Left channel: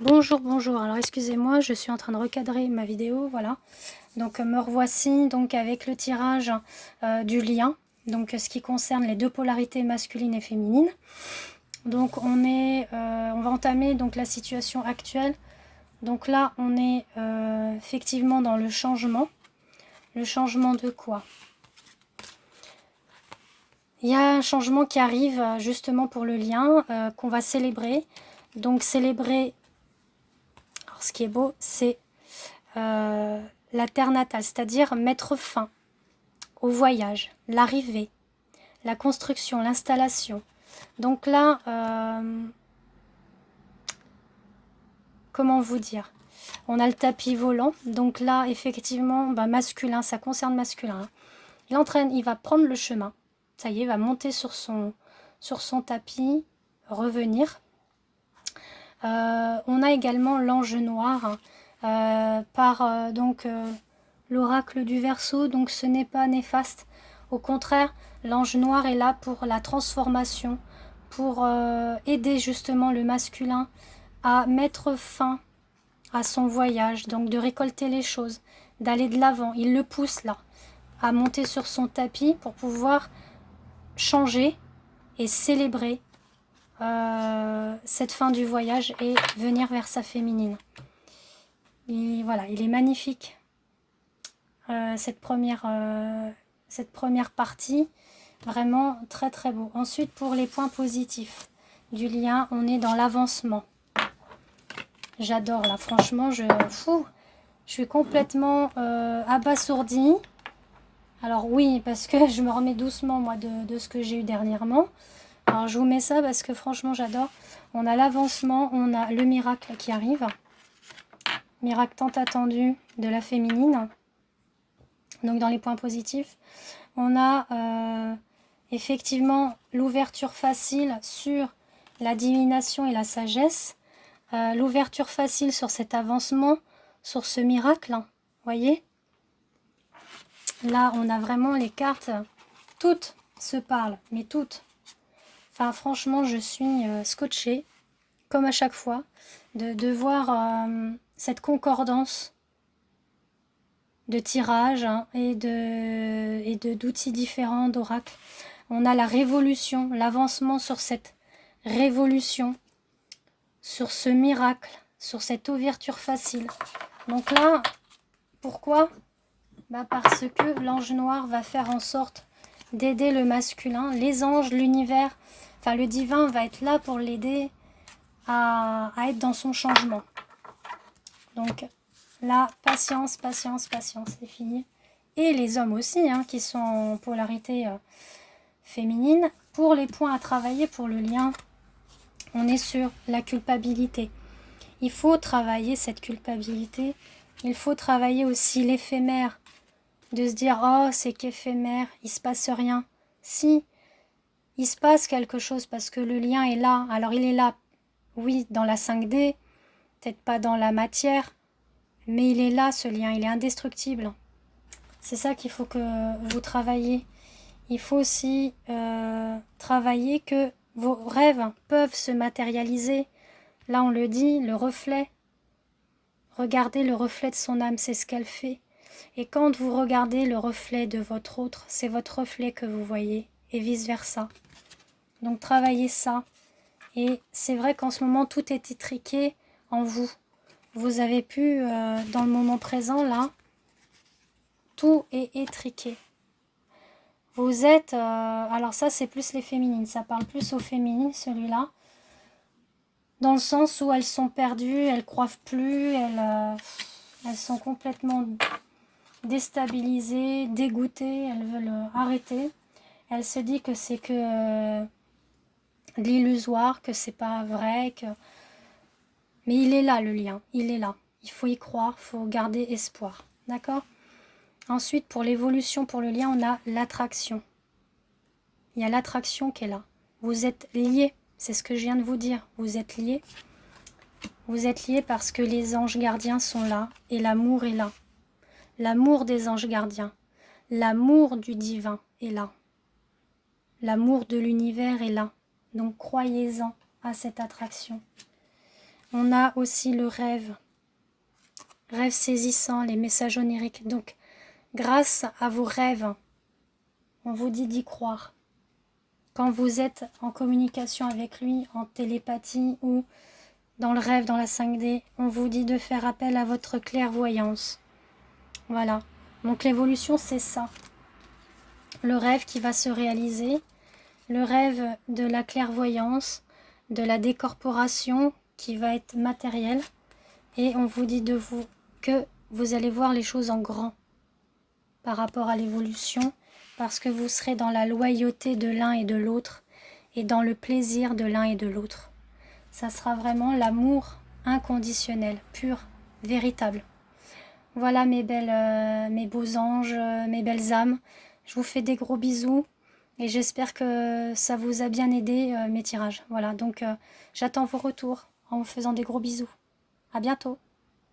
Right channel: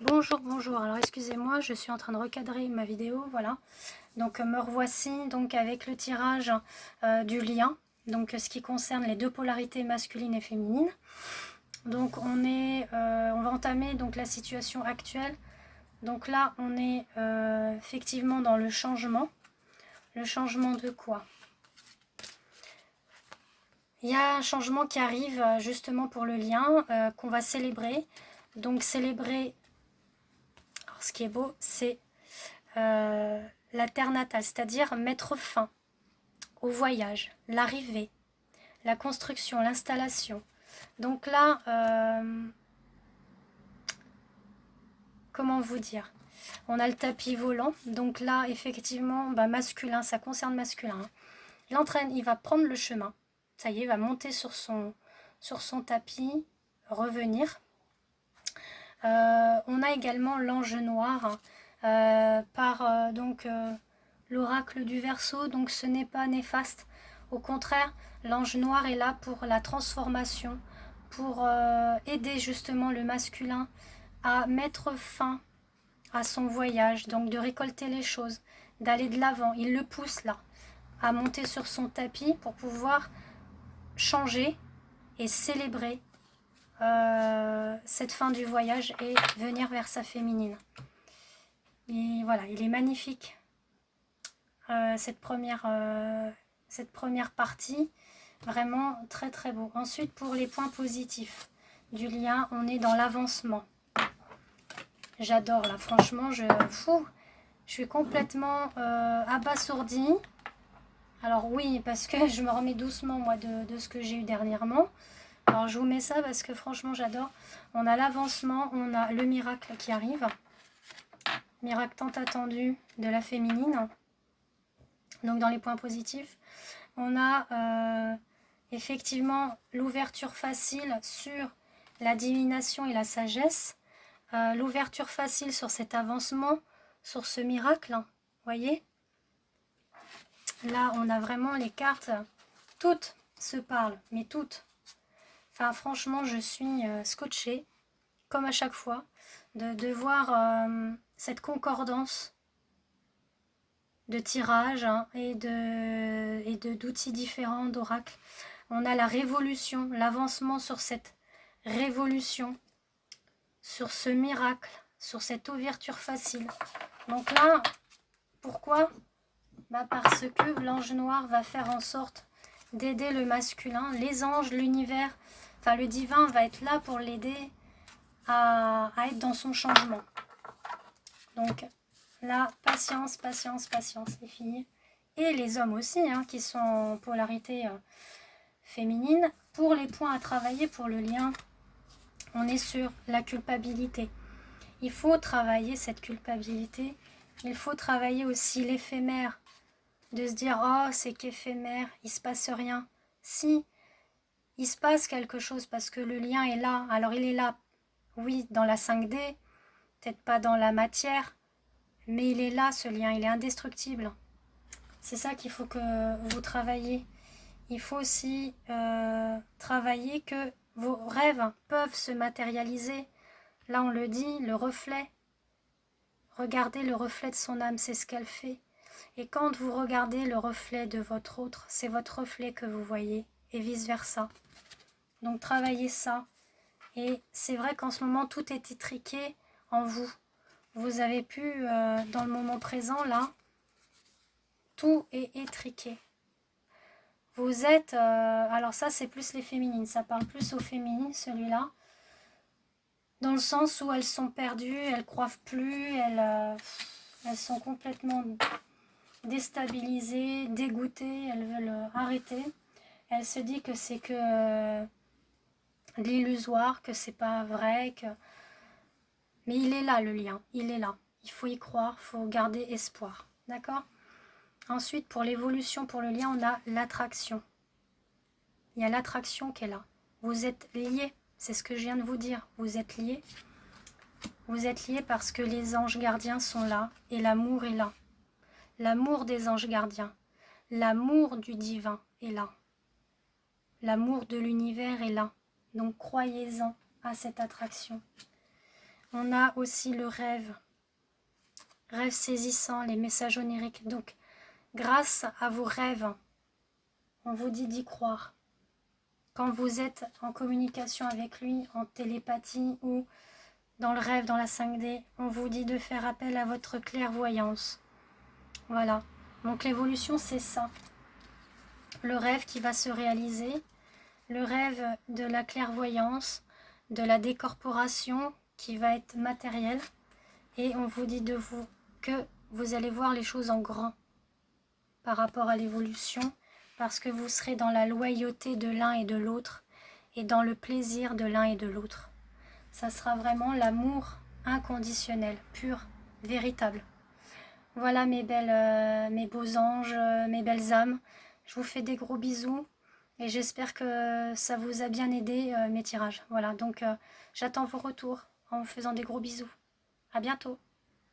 Bonjour, bonjour. Alors excusez-moi, je suis en train de recadrer ma vidéo, voilà. Donc me revoici donc avec le tirage du lien, donc ce qui concerne les deux polarités masculines et féminines. Donc on va entamer donc la situation actuelle. Donc là, on est effectivement dans le changement. Le changement de quoi? Il y a un changement qui arrive justement pour le lien qu'on va célébrer. Donc célébrer, alors ce qui est beau, c'est la terre natale, c'est-à-dire mettre fin au voyage, l'arrivée, la construction, l'installation. Donc là, comment vous dire? On a le tapis volant, donc là, effectivement, masculin, ça concerne masculin. Hein. Il va prendre le chemin, ça y est, il va monter sur son tapis, revenir. On a également l'ange noir par l'oracle du Verseau, donc ce n'est pas néfaste. Au contraire, l'ange noir est là pour la transformation, pour aider justement le masculin à mettre fin à son voyage, donc de récolter les choses, d'aller de l'avant. Il le pousse là, à monter sur son tapis pour pouvoir changer et célébrer cette fin du voyage et venir vers sa féminine. Et voilà, il est magnifique cette première partie, vraiment très très beau. Ensuite, pour les points positifs du lien, on est dans l'avancement. J'adore là, franchement, je suis complètement abasourdie. Alors oui, parce que je me remets doucement moi de ce que j'ai eu dernièrement. Alors je vous mets ça parce que franchement j'adore. On a l'avancement, on a le miracle qui arrive. Miracle tant attendu de la féminine. Donc dans les points positifs, on a effectivement l'ouverture facile sur la divination et la sagesse. L'ouverture facile sur cet avancement, sur ce miracle. Voyez ? Là, on a vraiment les cartes. Toutes se parlent, mais toutes. Enfin, franchement, je suis scotchée, comme à chaque fois, de voir cette concordance de tirages et d'outils différents d'oracles. On a la révolution, l'avancement sur cette révolution, sur ce miracle, sur cette ouverture facile. Donc là, pourquoi ? Parce que l'ange noir va faire en sorte d'aider le masculin. Les anges, l'univers, enfin le divin va être là pour l'aider à être dans son changement. Donc là, patience, patience, patience, les filles. Et les hommes aussi, hein, qui sont en polarité féminine. Pour les points à travailler, pour le lien, on est sur la culpabilité. Il faut travailler cette culpabilité. Il faut travailler aussi l'éphémère. De se dire, oh, c'est qu'éphémère, il ne se passe rien. Si, il se passe quelque chose parce que le lien est là. Alors il est là, oui, dans la 5D, peut-être pas dans la matière, mais il est là, ce lien, il est indestructible. C'est ça qu'il faut que vous travaillez. Il faut aussi travailler que vos rêves peuvent se matérialiser. Là, on le dit, le reflet. Regardez le reflet de son âme, c'est ce qu'elle fait. Et quand vous regardez le reflet de votre autre, c'est votre reflet que vous voyez, et vice-versa. Donc travaillez ça. Et c'est vrai qu'en ce moment, tout est étriqué en vous. Vous avez pu, dans le moment présent, là, tout est étriqué. Vous êtes... alors ça, c'est plus les féminines. Ça parle plus aux féminines, celui-là. Dans le sens où elles sont perdues, elles croient plus, elles sont complètement déstabilisées, dégoûtées, elles veulent arrêter. Elles se disent que c'est que de l'illusoire, que c'est pas vrai, que... Mais il est là le lien, il est là. Il faut y croire, il faut garder espoir. D'accord ? Ensuite, pour l'évolution, pour le lien, on a l'attraction. Il y a l'attraction qui est là. Vous êtes liés, c'est ce que je viens de vous dire. Vous êtes liés. Vous êtes liés parce que les anges gardiens sont là et l'amour est là. L'amour des anges gardiens, l'amour du divin est là. L'amour de l'univers est là. Donc croyez-en à cette attraction. On a aussi le rêve. Rêve saisissant, les messages oniriques. Donc, grâce à vos rêves, on vous dit d'y croire. Quand vous êtes en communication avec lui, en télépathie ou dans le rêve, dans la 5D, on vous dit de faire appel à votre clairvoyance. Voilà. Donc l'évolution, c'est ça. Le rêve qui va se réaliser, le rêve de la clairvoyance, de la décorporation qui va être matérielle. Et on vous dit que vous allez voir les choses en grand par rapport à l'évolution, parce que vous serez dans la loyauté de l'un et de l'autre et dans le plaisir de l'un et de l'autre. Ça sera vraiment l'amour inconditionnel, pur, véritable. Voilà mes beaux anges, mes belles âmes. Je vous fais des gros bisous et j'espère que ça vous a bien aidé mes tirages. Voilà, donc j'attends vos retours en vous faisant des gros bisous. À bientôt.